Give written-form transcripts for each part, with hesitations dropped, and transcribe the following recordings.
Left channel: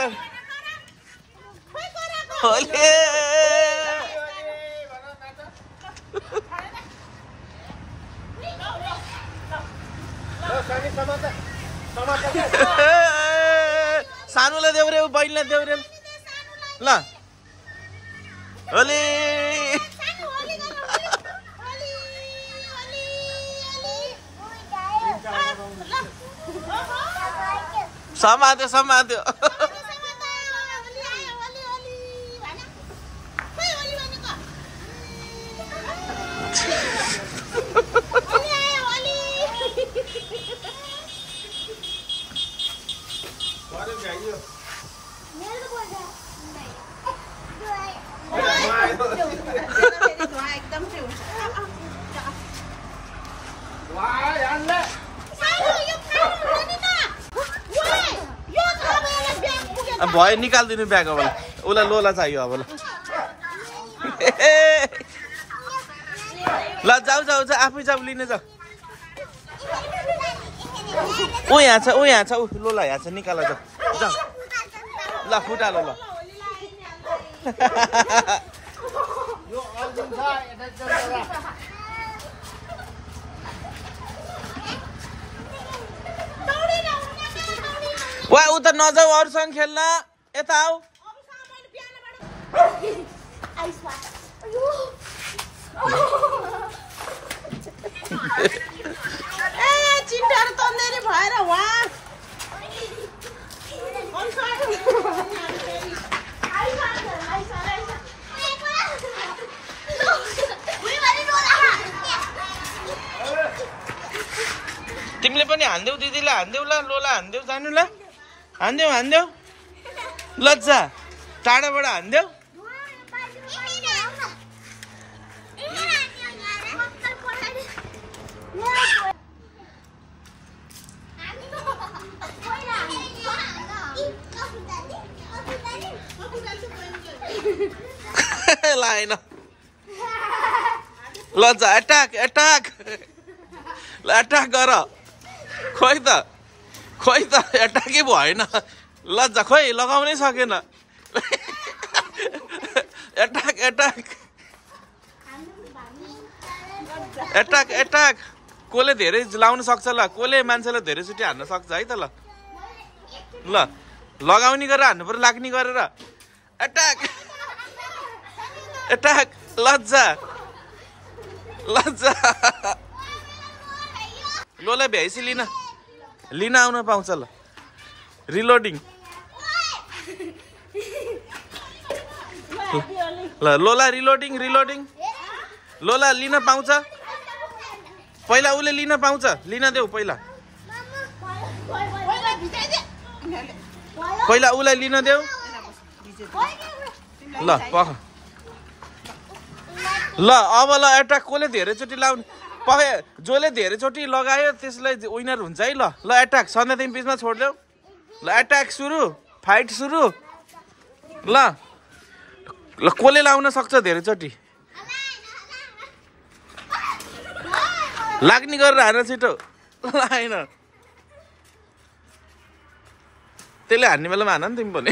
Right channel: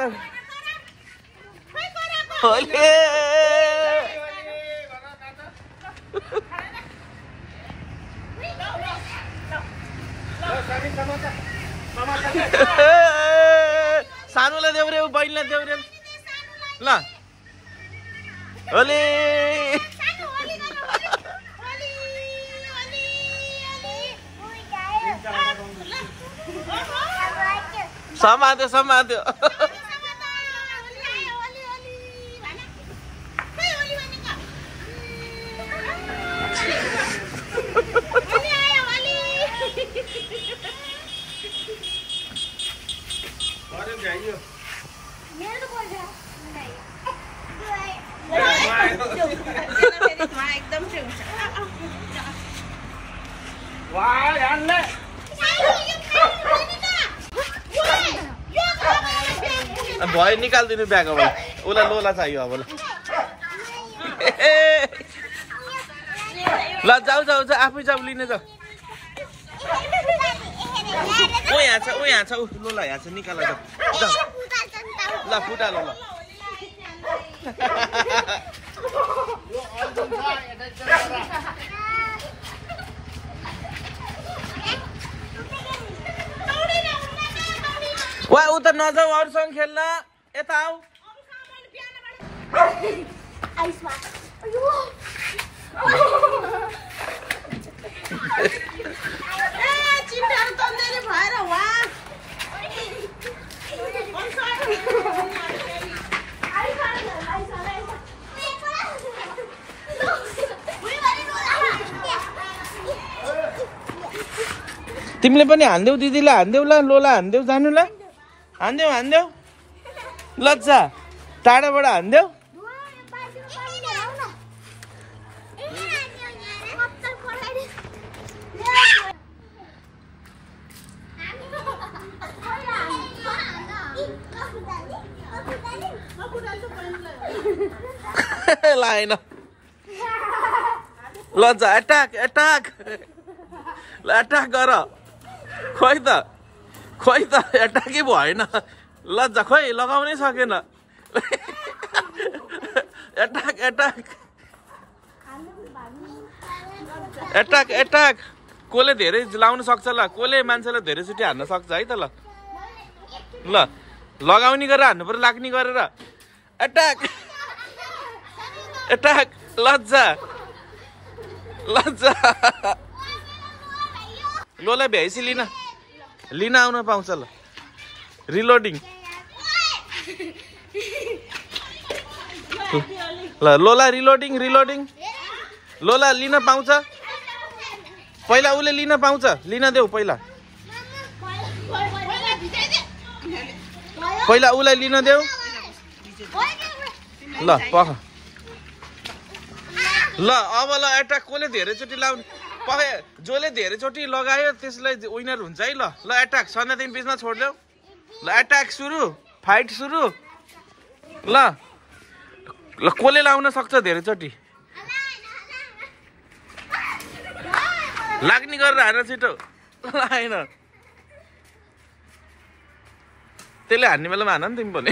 colour ओले सानोलाई देऊ रे बहिनीलाई देऊ रे ल ओले समात्यो समात्यो भयो निकालिदिनु ब्याग अब उसलाई लोला चाहियो अब ल जाऊ जाऊ जाऊ आफै जाऊ लिने जाऊ ऊ यहाँ छ ऊ लोला यहाँ छ निकाल जाऊ जाऊ ल फुटालो ल वा उ त नजाऊ अरूसँग खेल्न यता आऊ तिमीले पनि हान्देऊ दिदीलाई हान्देऊ ल लोला हान्देऊ जानु ल हान्देऊ हान्देऊ लज्जा टाढाबाट हान्देऊ लाएन लज्जा एट्याक एट्याक ल एट्याक गर खोइ त एट्याकै भएन लज्जा खोइ लगाउनै सकेन एट्याक एट्याक एट्याक एट्याक कसले धेरै लाउन सक्छ ल कसले मान्छेलाई धेरैचोटि हान्न सक्छ है त ल ल लगाउने गरेर हान्नु पर्यो लाग्ने गरेर एट्याक एट्याक लज्जा लज्जा लोला भ्याइसी लिन आउन पाउँछ ल रिलोडिङ ल लोला रिलोडिङ रिलोडिङ लोला लिन पाउँछ पहिला उसले लिन पाउँछ लिन देऊ पहिला उसलाई लिन देऊ ल पख ल अब ल एट्याक कसले धेरैचोटि लाउने जसले धेरैचोटि लगायो त्यसलाई विनर हुन्छ है ल ल एट्याक सन्ध्या तिमी बिचमा छोड्देऊ ल एट्याक सुरु फाइट सुरु ल ल कसले लाउन सक्छ धेरैचोटि लाग्ने गरेर हान छिटो लाएन त्यसले हान्ने बेलामा हान नि तिमी पनि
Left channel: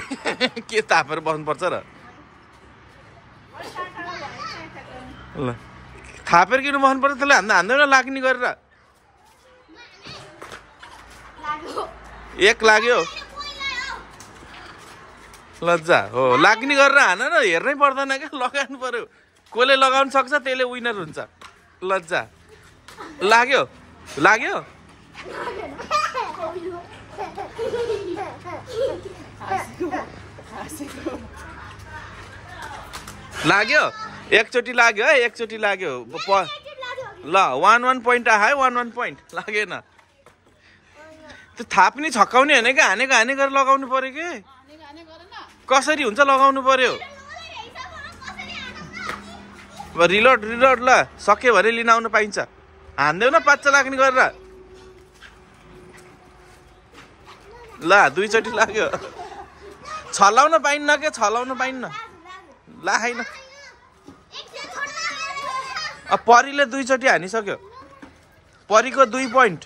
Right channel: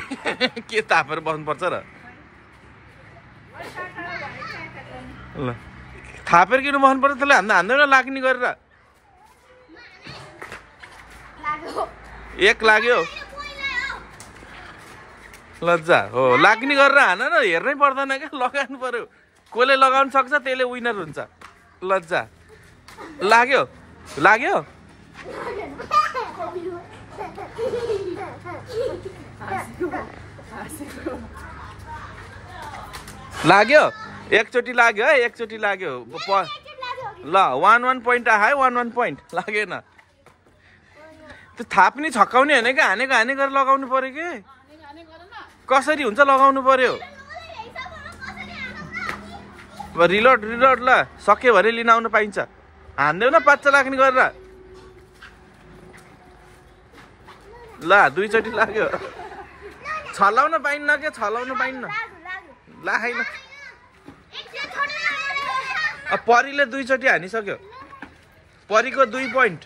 के तापेर बस्नुपर्छ र ल थापेर किन बस्नु पर्छ त्यसले हान्दैन लाग्ने गरेर एक लाग्यो लज्जा हो लाग्ने गरेर हान न हेर्नै पर्दैन क्या लगाउनु पर्यो कसले लगाउन सक्छ त्यसले विनर हुन्छ लज्जा लाग्यो लाग्यो लाग्यो एकचोटि लाग्यो है एकचोटि लाग्यो ल 1 पोइन्ट आयो 1 पोइन्ट लागेन त्यो थाप्ने छक्काउने होइन क्या हानेको हाने गरेर लगाउनु पर्यो कि कसरी हुन्छ लगाउनु पर्यो रिलोड रिलोड ल सक्यो भने लिन आउनु पाइन्छ हान्देऊ न पाच्चा लाग्ने गरेर ल दुईचोटि लाग्यो छलाउन पाइन्न के छलाउन पाइन्न ला हैन परीले दुईचोटि हानिसक्यो परीको 2 पोइन्ट